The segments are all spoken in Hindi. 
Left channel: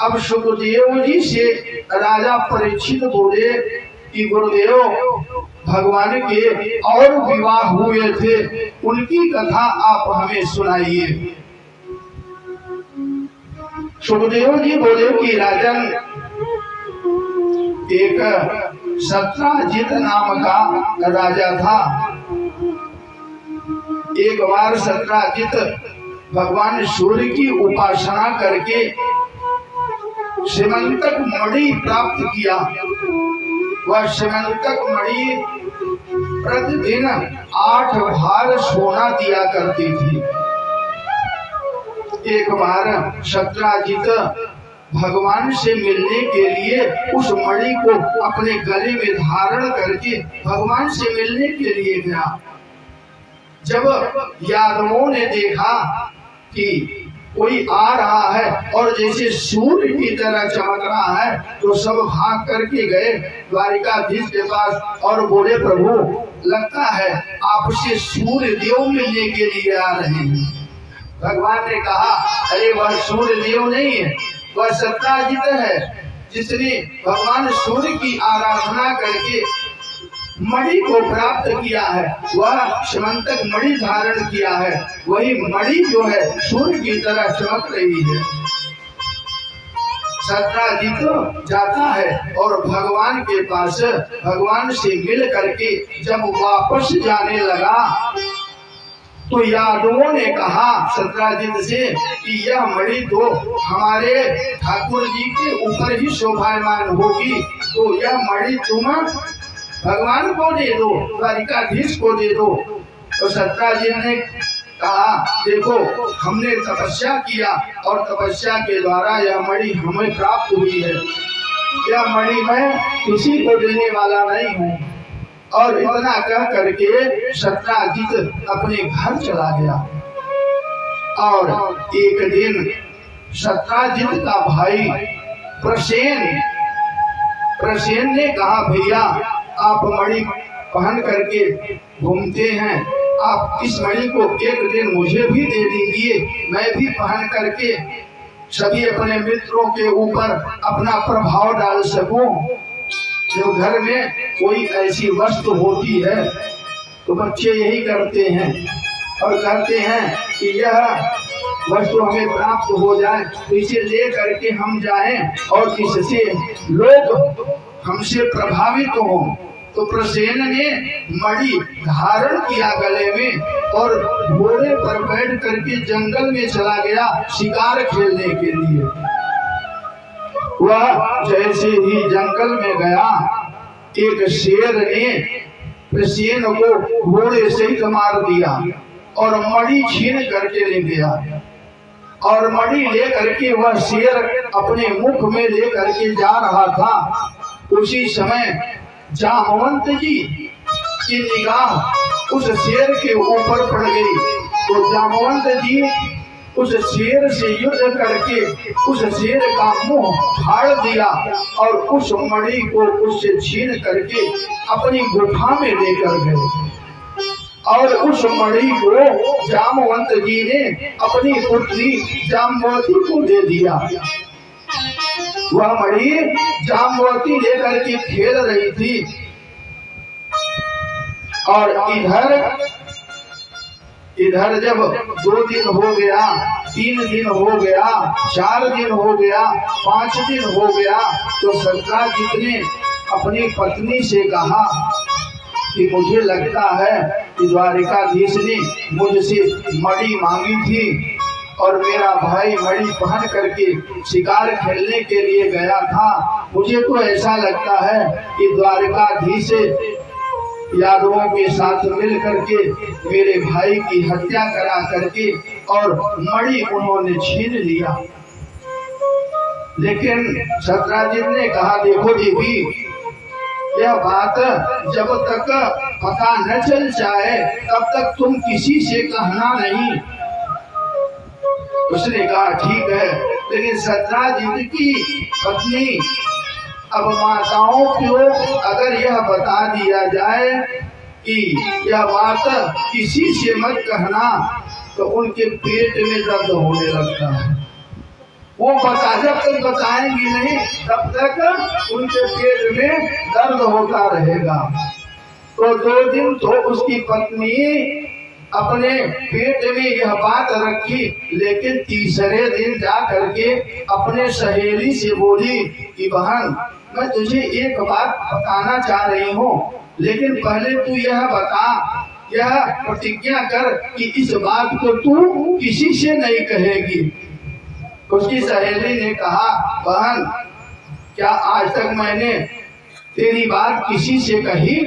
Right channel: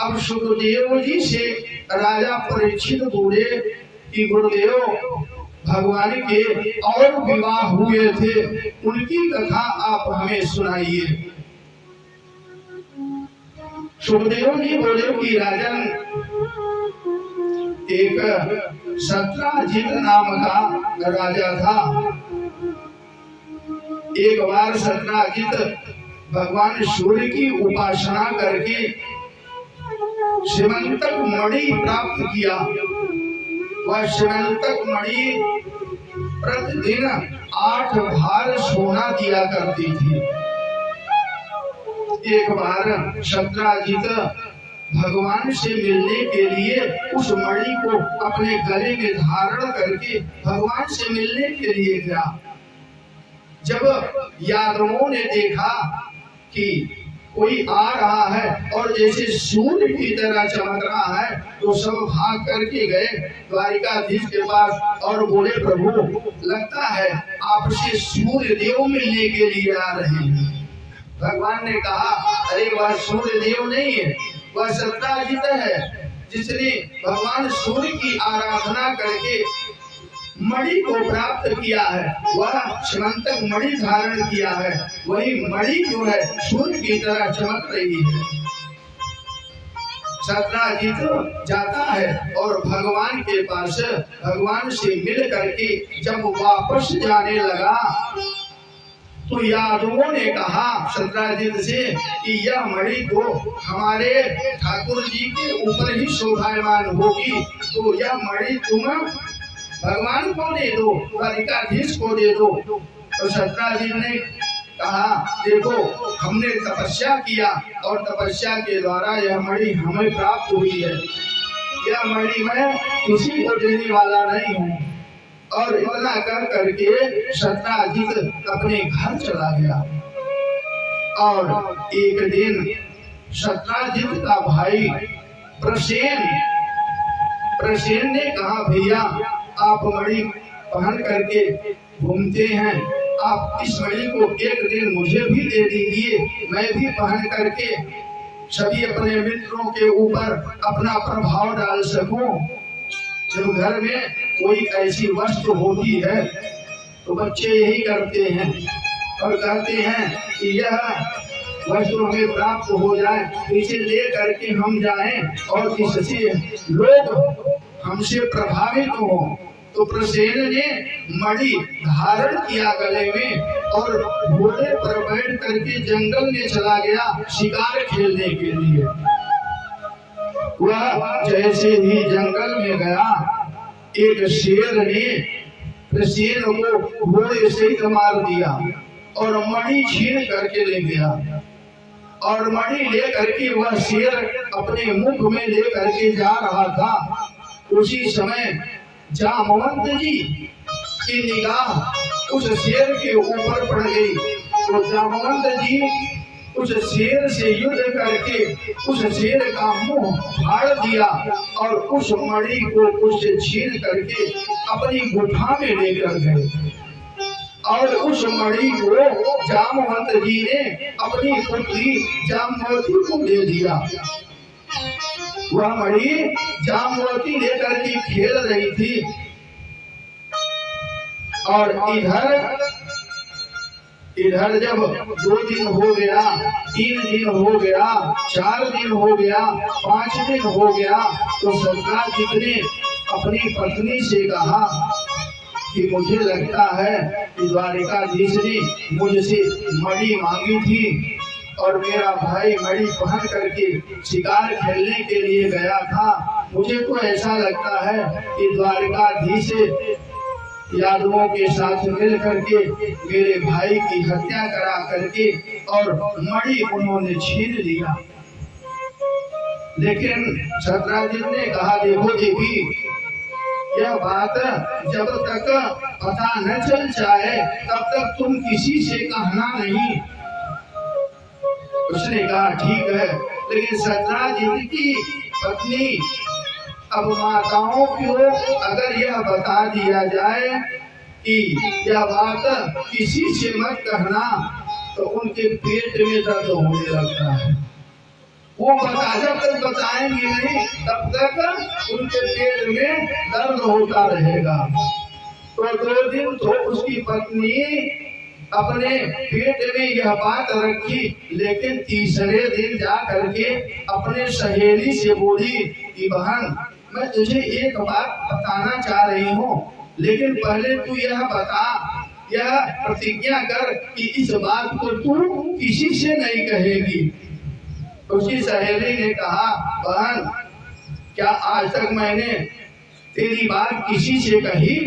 अब सुखदेव जी से राजा परीक्षित बोले कि गुरुदेव, भगवान के और विवाह हुए थे, उनकी कथा आप हमें सुनाइए। सुखदेव जी बोले कि राजन, एक सत्राजित नाम का राजा था। एक बार सत्राजित भगवान सूर्य की उपासना करके श्रीमंतक मणि प्राप्त किया। वह श्रीमंतक मणि प्रतिदिन 8 भार सोना दिया करती थी। एक बार सत्राजित भगवान से मिलने के लिए उस मणि को अपने गले में धारण करके भगवान से मिलने के लिए गया। जब यादवों ने देखा कि कोई आ रहा है और जैसे सूर्य की तरह चमक रहा है, तो सब भाग करके गए द्वारिकाधीश के पास और बोले, प्रभु, लगता है आपसे सूर्य देव मिलने के लिए आ रहे हैं। भगवान ने कहा, अरे वह सूर्य देव नहीं है, वह सत्राजित है, जिसने भगवान सूर्य की आराधना करके मणि को प्राप्त किया है। वह श्रीमंतक मणि धारण किया है। वही मणि जो है सूर्य की तरह चमक रही है। सत्राजित जाता है और भगवान के पास भगवान से मिल करके जब वापस जाने लगा तो यादवों ने कहा सत्राजित से कि यह मणि तो हमारे ठाकुर जी के ऊपर ही शोभायमान होगी, तो यह मणि तुम भगवान को दे दो, द्वारिकाधीश को दे दो। तो सत्राजित ने कहा, देखो, हमने तपस्या किया और तपस्या के द्वारा यह मणि हमें प्राप्त हुई है। यह मणि मैं किसी को देने वाला नहीं हूँ। और इतना कह करके सत्राजित अपने घर चला गया। और एक दिन सत्राजित का भाई प्रसेन ने कहा, भैया, आप मणि पहन करके घूमते हैं, आप इस मणि को एक दिन मुझे भी दे दीजिए, मैं भी पहन करके सभी अपने मित्रों के ऊपर अपना प्रभाव डाल सकूं। जो घर में कोई ऐसी वस्तु होती है तो बच्चे यही करते हैं और कहते हैं कि यह वस्तु हमें प्राप्त हो जाए, इसे ले करके हम जाएं और इससे लोग हमसे प्रभावित हों। तो प्रसेन ने मणि धारण किया गले में और घोड़े पर बैठ करके जंगल में चला गया शिकार खेलने के लिए। वह जैसे ही जंगल में गया, एक शेर ने प्रसेन को घोड़े से ही मार दिया और मणि छीन करके ले गया। और मणि ले करके वह शेर अपने मुख में ले करके जा रहा था। उसी समय जामवंत जी की निगाह उस शेर के ऊपर पड़ गई। तो जामवंत जी उस शेर से युद्ध करके उस शेर का मुंह फाड़ दिया और उस मणि को उससे छीन करके अपनी गुफा में लेकर गए। और उस मणि को जामवंत जी ने अपनी पुत्री जाम्बवती को दे दिया। वह मणि जाम्बवती लेकर के खेल रही थी और इधर जब 2 दिन हो गया, 3 दिन हो गया, 4 दिन हो गया, 5 दिन हो गया, तो सत्राजित ने अपनी पत्नी से कहा कि मुझे लगता है कि द्वारिकाधीश ने मुझसे मणि मांगी थी और मेरा भाई मणि पहन करके शिकार खेलने के लिए गया था। मुझे तो ऐसा लगता है कि द्वारिकाधीश यादवों के साथ मिल करके मेरे भाई की हत्या करा करके और मणि उन्होंने छीन लिया। लेकिन सत्राजित ने कहा, देखो देवी, यह बात जब तक पता न चल जाए तब तक तुम किसी से कहना नहीं। उसने कहा, ठीक है, लेकिन सत्राजित की पत्नी अब माताओं को अगर यह बता दिया जाए कि यह बात किसी से मत कहना, तो उनके पेट में दर्द होने लगता है। वो जब तक बताएंगी नहीं तब तक उनके पेट में दर्द होता रहेगा। तो 2 दिन तो उसकी पत्नी अपने पेट में यह बात रखी, लेकिन तीसरे दिन जा करके अपने सहेली से बोली कि बहन, मैं तुझे एक बात बताना चाह रही हूँ, लेकिन पहले तू यह बता, यह प्रतिज्ञा कर कि इस बात को तू किसी से नहीं कहेगी। उसकी सहेली ने कहा, बहन, क्या आज तक मैंने तेरी बात किसी से कही?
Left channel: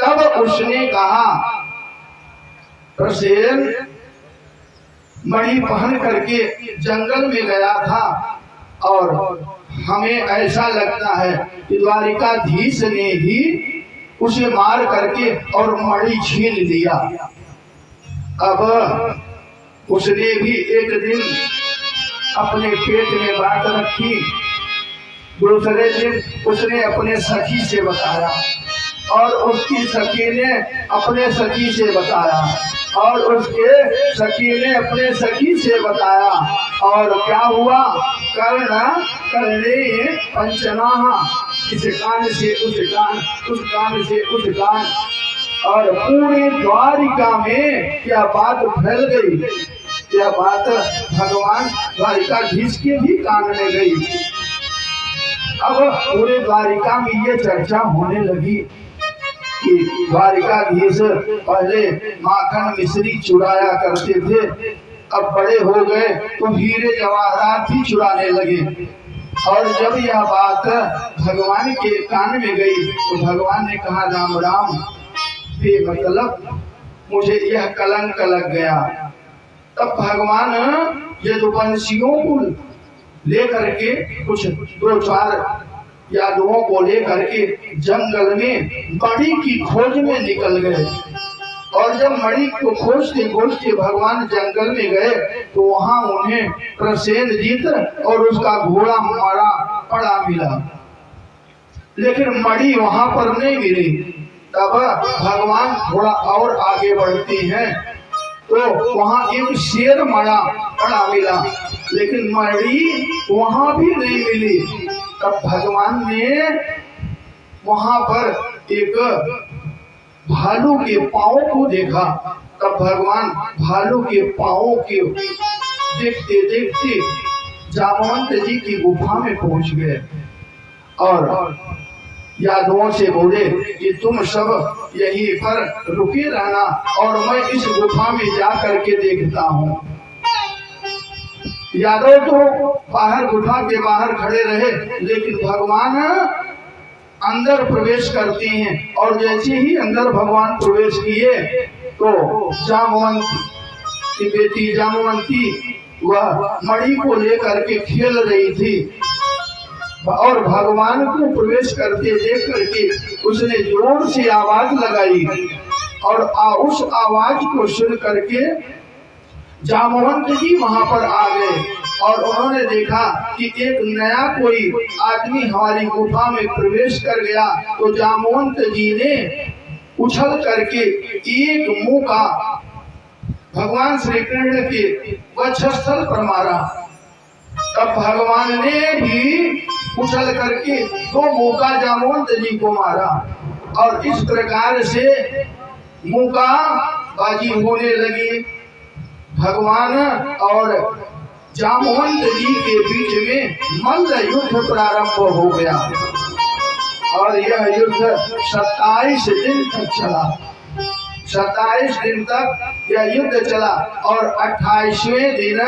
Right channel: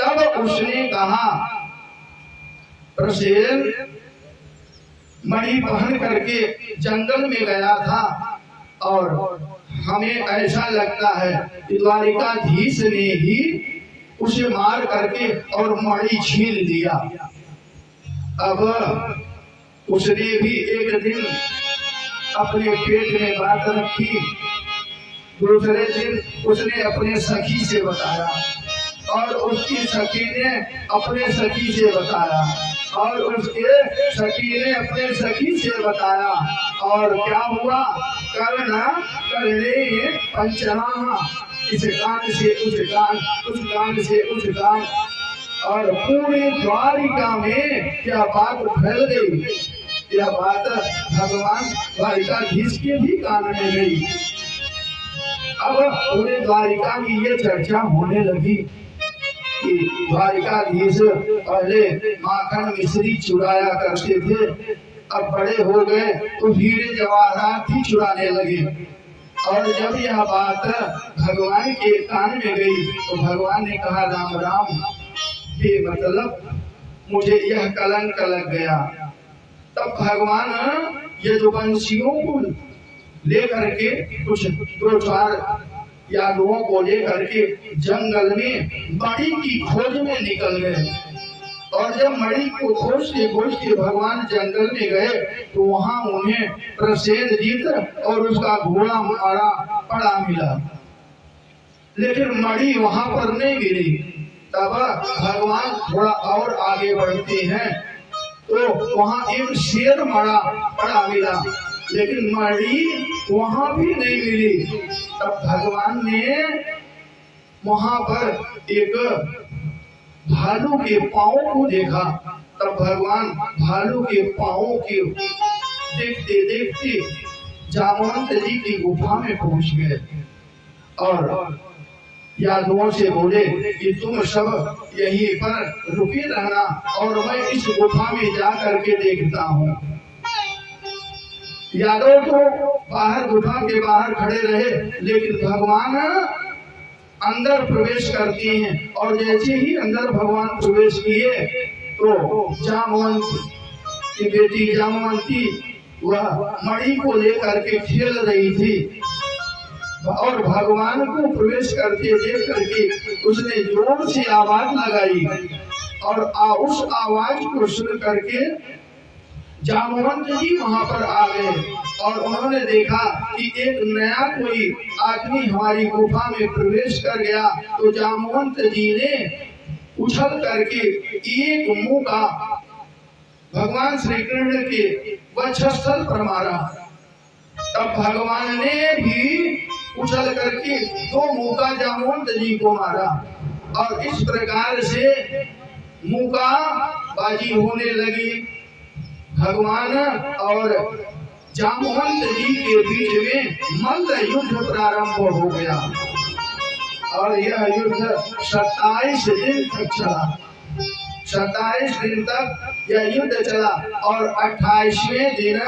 तब उसने कहा, प्रसेन मणि पहन करके जंगल में गया था और हमें ऐसा लगता है कि द्वारिकाधीश ने ही उसे मार करके और मणि छीन लिया। अब उसने भी एक दिन अपने पेट में बात रखी, दूसरे दिन उसने अपने सखी से बताया और उसकी सखी ने अपने सखी से बताया और उसके सखी ने अपने सखी से बताया। और क्या हुआ? कर्णे पंचनाह, इस कान से उस कान, उस कान से उस कान, और पूरी द्वारिका में क्या बात फैल गई। यह बात भगवान द्वारिकाधीश के भी कान में गई। अब पूरे द्वारिका में ये चर्चा होने लगी कि द्वारिकाधीश पहले माखन मिश्री चुराया करते थे, अब बड़े हो गए तो हीरे जवाहरात भी चुराने लगे। और जब यह बात भगवान के कान में गई तो भगवान ने कहा, राम राम, बेमतलब मुझे यह कलंक लग गया। तब भगवान यदुवंशियों को लेकर के कुछ 2-4 यादवों को लेकर के जंगल में मणि की खोज में निकल गए। और जब मणि को खोजते खोजते भगवान जंगल में गए तो वहां उन्हें प्रसेनजीत और उसका घोड़ा मारा पड़ा मिला, लेकिन मणि वहां पर नहीं मिली। तब भगवान थोड़ा और आगे बढ़ते हैं तो वहां एक शेर मरा पड़ा मिला, लेकिन मणि वहां भी नहीं मिली। तब भगवान ने वहां पर एक भालू के पांव को देखा। तब भगवान भालू के पांव के देखते देखते जामवंत जी की गुफा में पहुंच गए और यादवों से बोले कि तुम सब यहीं पर रुके रहना और मैं इस गुफा में जा करके देखता हूँ। यादव तो बाहर गुफा के बाहर खड़े रहे, लेकिन भगवान अंदर प्रवेश करते हैं और जैसे ही अंदर भगवान प्रवेश किए तो जामवंत की बेटी जामवंती वह मणि को लेकर के खेल रही थी और भगवान को प्रवेश करते देख करके उसने जोर से आवाज लगाई और उस आवाज को सुन करके जामवंत जी वहां पर आ गए और उन्होंने देखा कि एक नया कोई आदमी हमारी गुफा में प्रवेश कर गया। तो जामवंत जी ने उछल करके एक मुंह का भगवान श्री कृष्ण के वक्षस्थल पर मारा। तब भगवान ने भी उछल करके 2 मुका जामवंत जी को मारा और इस प्रकार से मुका बाजी होने लगी। भगवान और जामवंत जी के बीच में मल्ल युद्ध प्रारंभ हो गया और यह युद्ध 27 दिन तक चला। 27 दिन तक यह युद्ध चला और 28वें दिन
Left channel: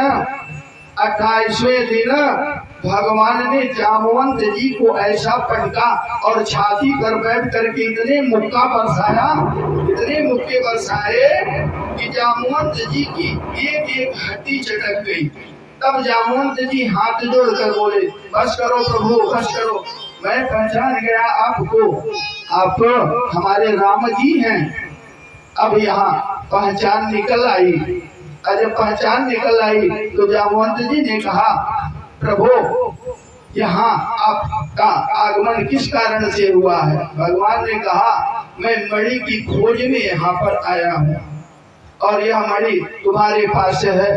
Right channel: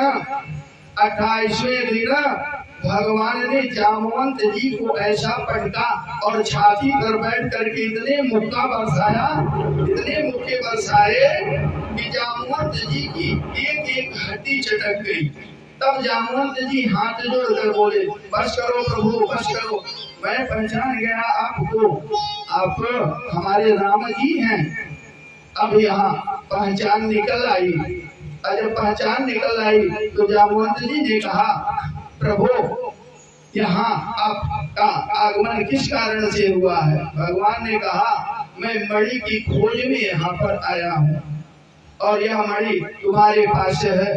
भगवान ने जामवंत जी को ऐसा पटका और छाती पर बैठ करके इतने मुक्का बरसाए कि जामवंत जी की एक एक हड्डी चटक गई। तब जामवंत जी हाथ जोड़कर बोले, बस करो प्रभु, बस करो, मैं पहचान गया आपको, आप हमारे राम जी हैं। अब यहाँ पहचान निकल आई और जब पहचान निकल आई तो जामवंत जी ने कहा, प्रभु यहाँ आपका आगमन किस कारण से हुआ है? भगवान ने कहा, मैं मणि की खोज में यहाँ पर आया हूँ और यह मणि तुम्हारे पास है।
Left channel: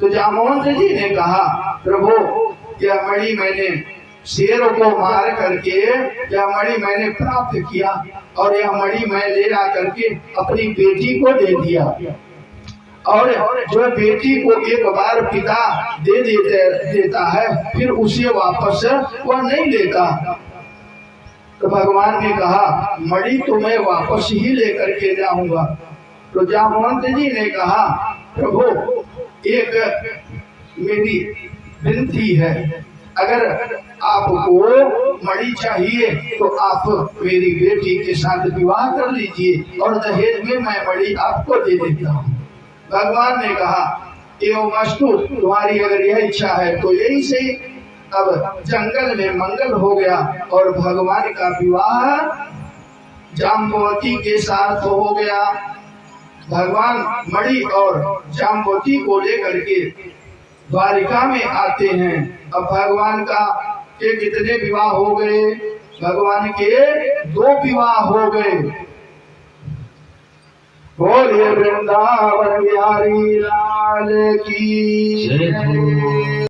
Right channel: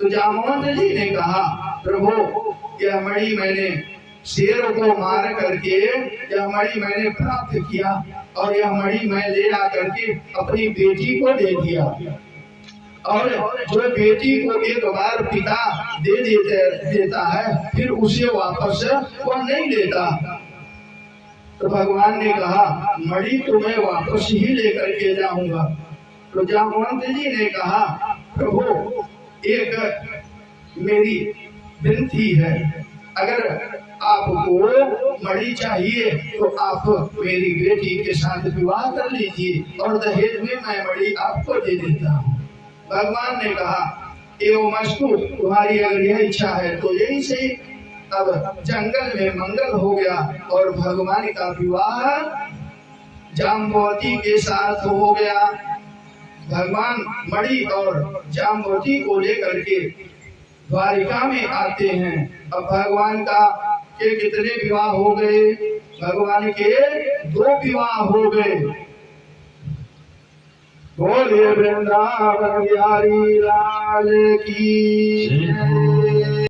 तो जामवंत जी ने कहा, प्रभु यह मणि मैंने शेरों को मार करके यह मणि मैंने प्राप्त किया और यह मणि मैं ले आ करके अपनी बेटी को दे दिया। और जो बेटी को एक बार पिता देता है फिर उसे वापस वह नहीं लेता। तो भगवान ने कहा, मणि तो मैं वापस ही लेकर के जाऊंगा। तो जामवंत जी ने कहा, प्रभु एक मेरी विनती है, अगर आपको मणि चाहिए तो आप मेरी बेटी के साथ विवाह कर लीजिए और दहेज में मैं मणि आपको दे देता हूँ। भगवान ने कहा, एवं अस्तु, तुम्हारी अगर यह इच्छा है तो यही से। अब जंगल में मंगल हो गया और भगवान का विवाह जाम्बवती के साथ हो गया। भगवान मणि और जाम्बवती को लेकर के द्वारिका में आते हैं। अब भगवान का के कितने विवाह हो गए? भगवान के 2 विवाह हो गए। बोलिए वृंदावन बिहारी लाल की।